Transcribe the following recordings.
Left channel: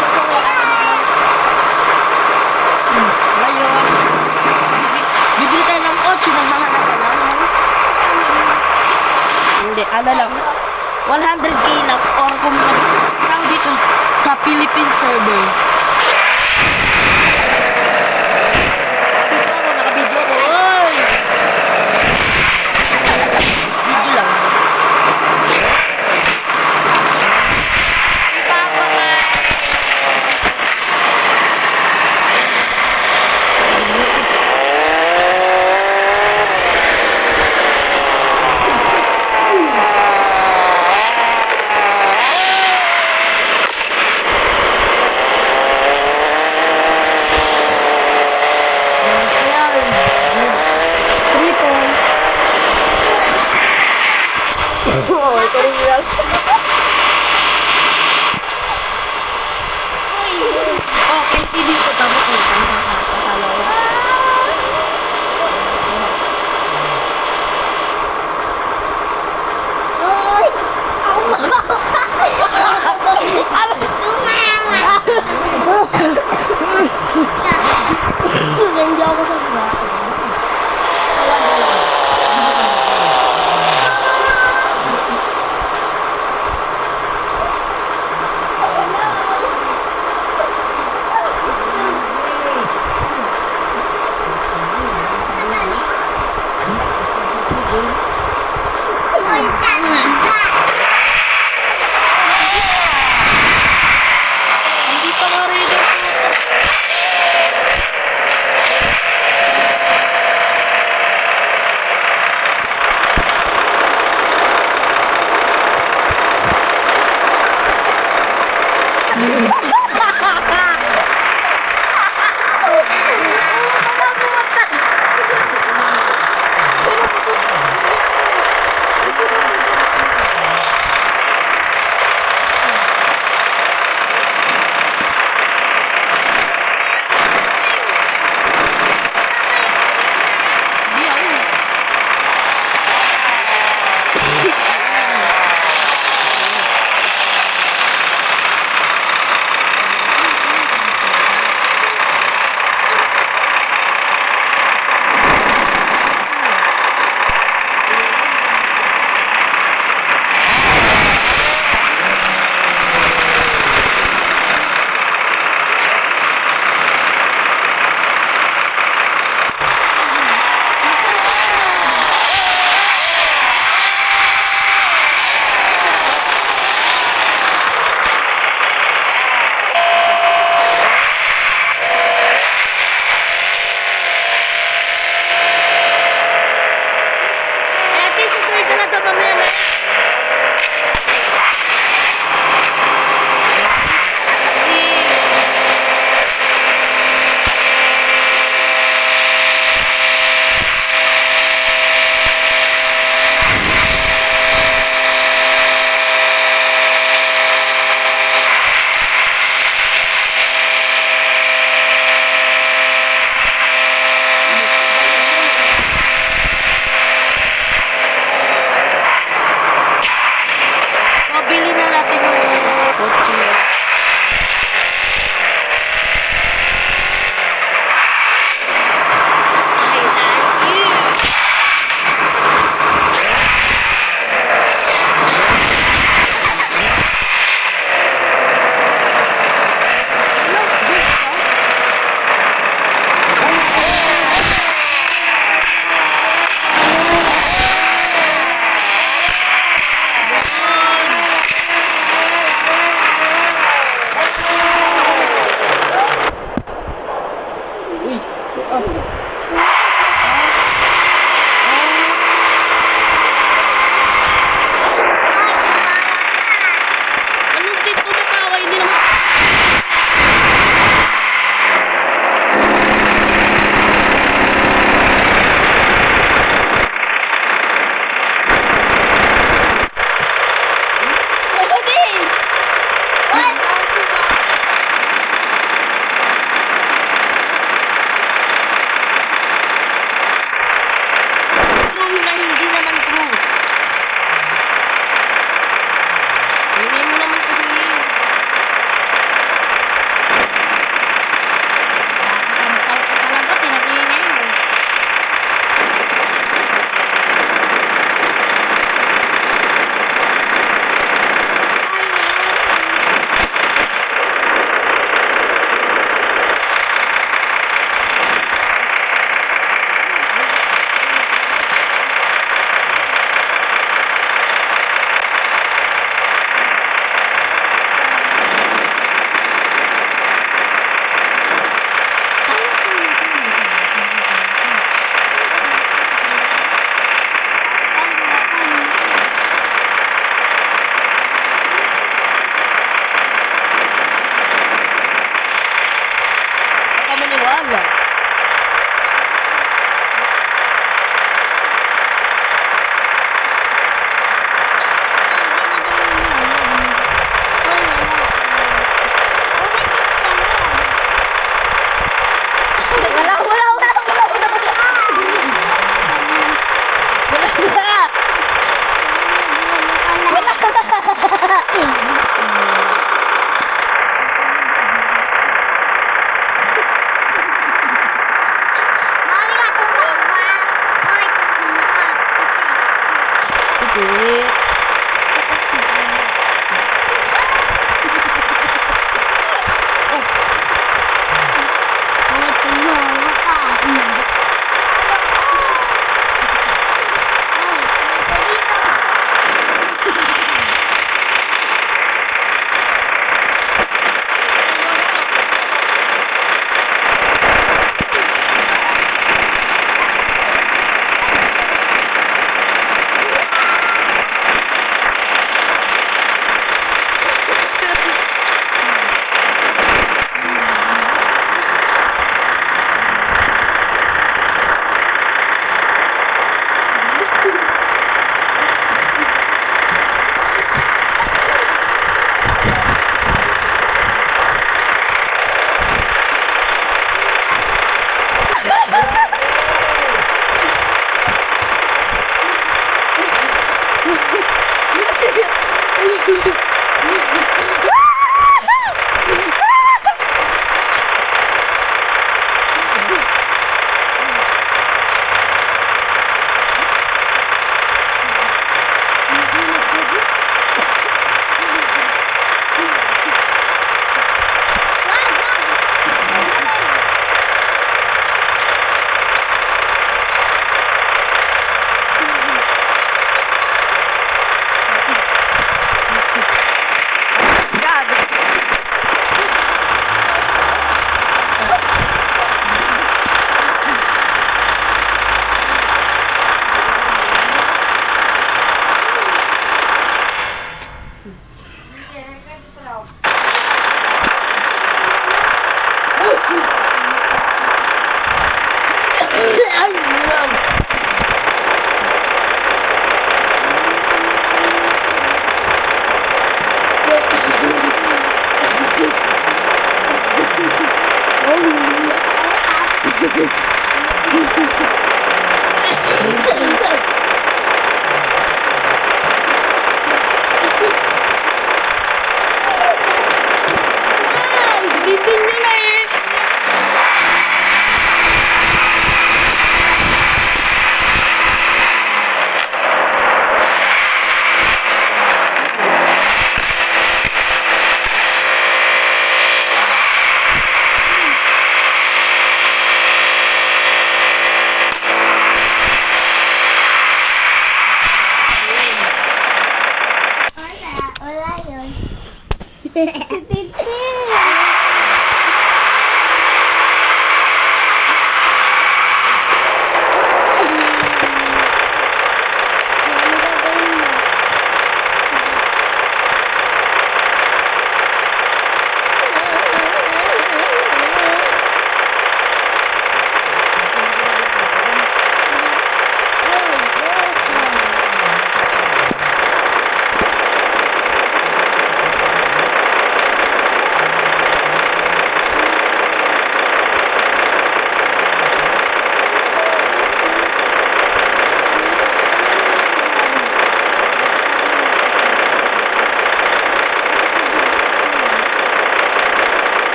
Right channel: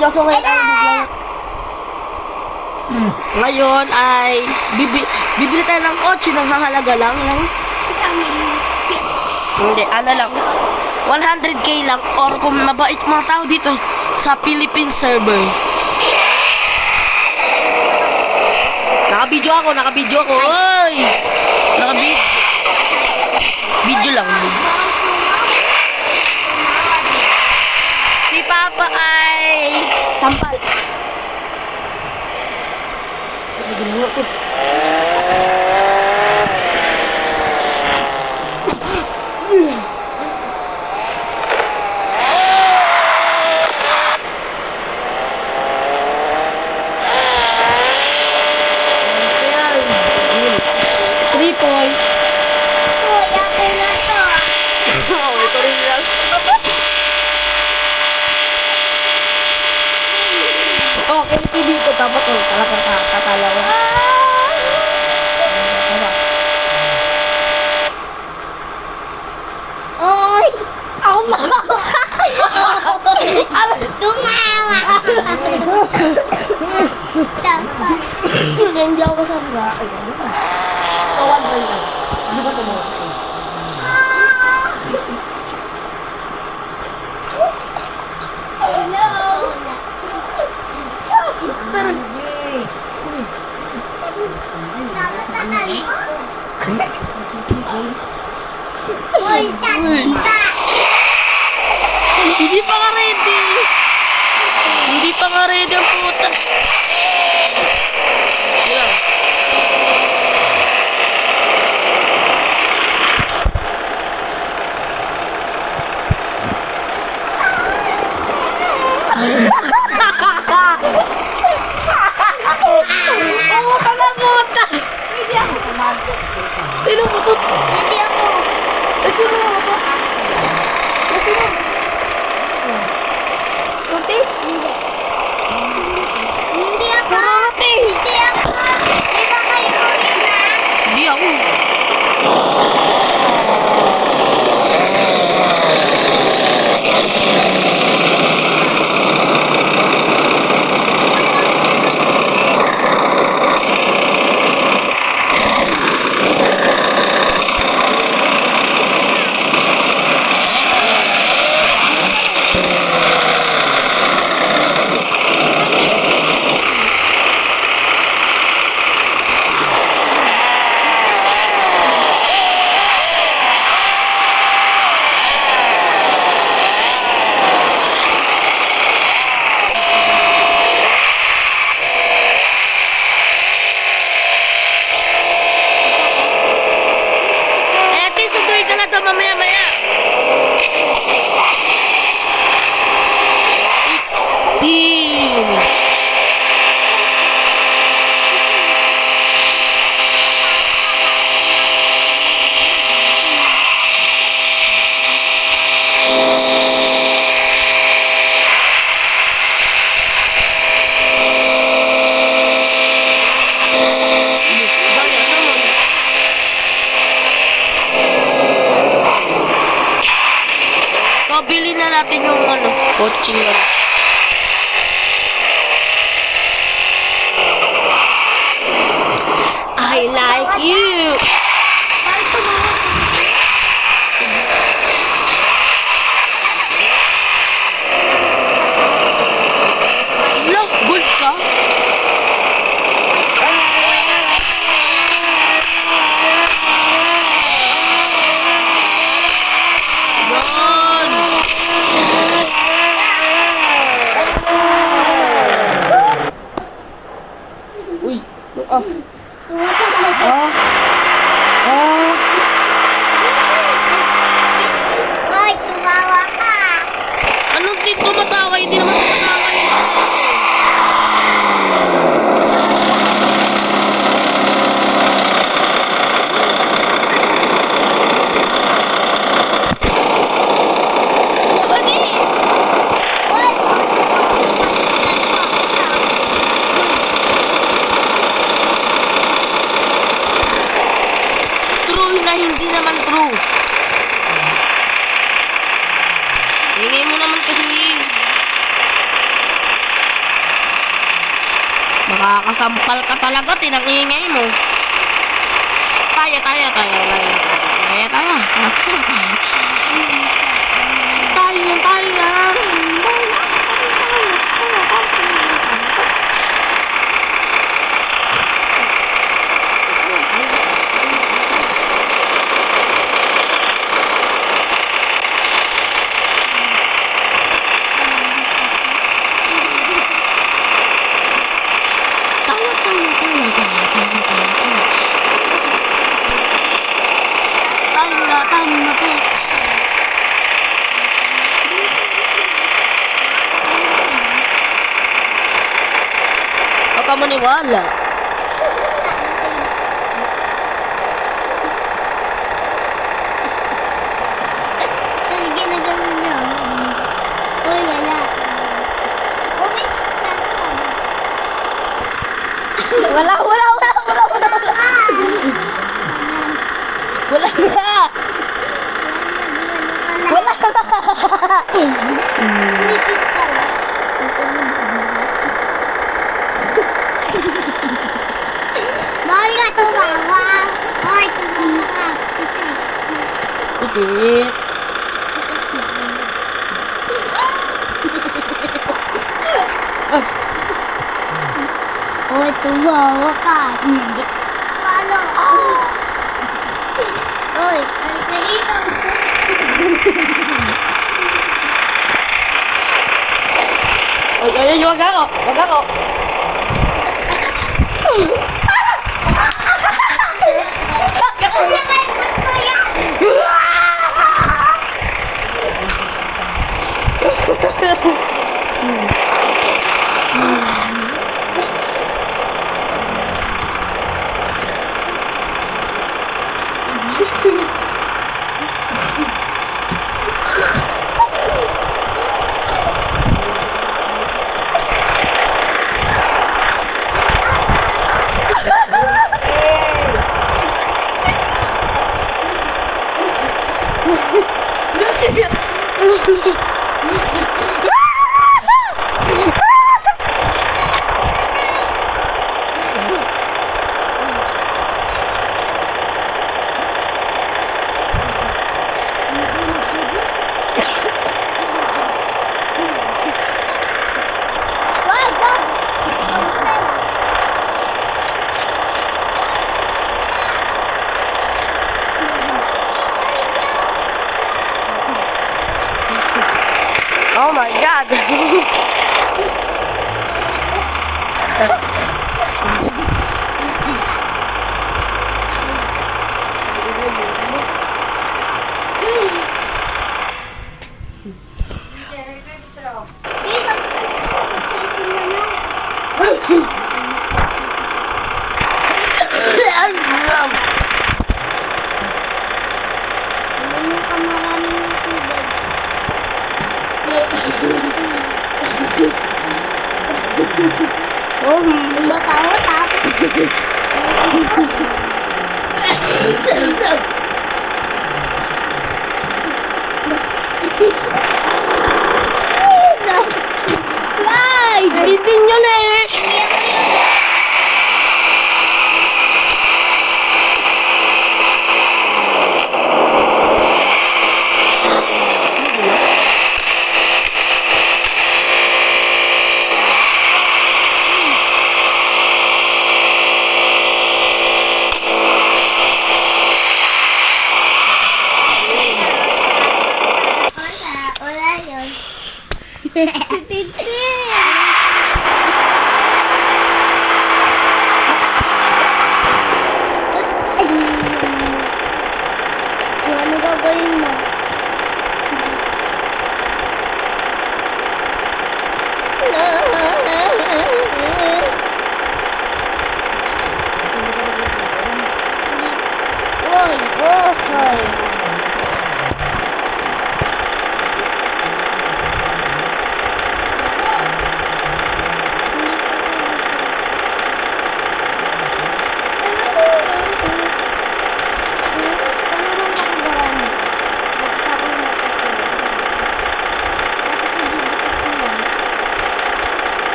video. So ngayon ay bibili tayo ng kotse ng hahalaga lang ng hindi, ano lang 100k lang or kung mabait mga tao dito sa Philippine server. Naka-video ako. Oy! Video lang. Si Papa ay sampal. Okay, hindi ko tama ko. Kakakala ko. Uy! Hindi ako sa bahay. Hindi pa nga ready ang puta. Sino mo to? Hindi ako. Sino mo to? natin ang ingay mo. Tayo. Baka maniwala. Wala. Wala Sige. Hoy, tumawa ka. Paano? Hoy, nagpalinaw. Ay, wag ako. Oh my God. Dinding niya na eh. Wala yun. Ano gagawin mo?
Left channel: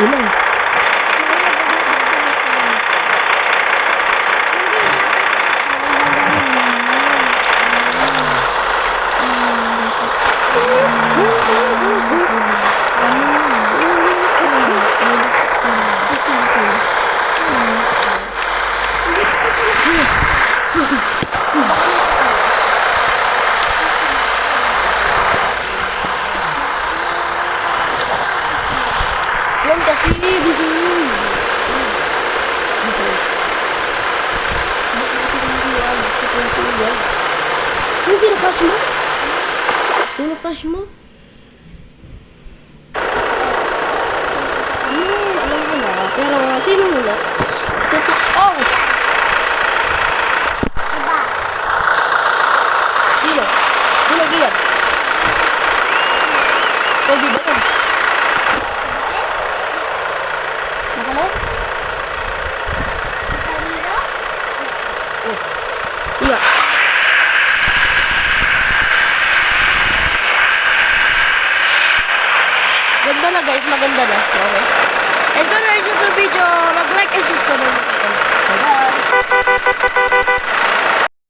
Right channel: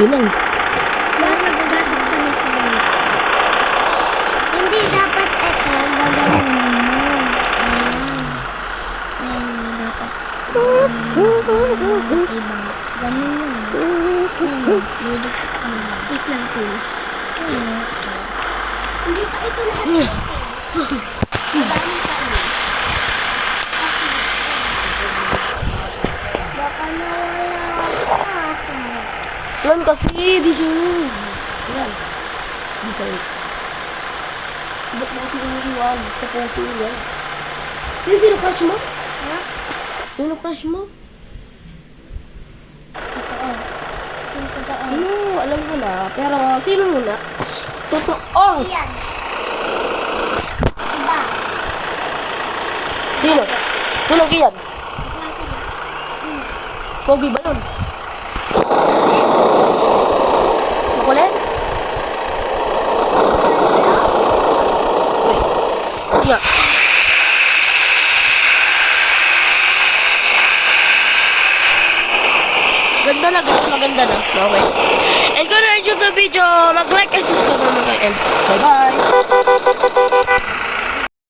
Ilang? Hindi dapat ito. Gagawin Yan kasi dito. Bisa. Ba't natin yung iwan? Sa puso yan. Yung sinukrush mo? Sinukrush mo? Alam ko na. Pero sino muna? Totoo! Sino? Sino kiyan? Pogi ba yun? Chocolate? Iya. Ganda na guys, maganda na. Okay. And kung na-enjoy sa video, mag-like and subscribe naman kayo. And bye-bye!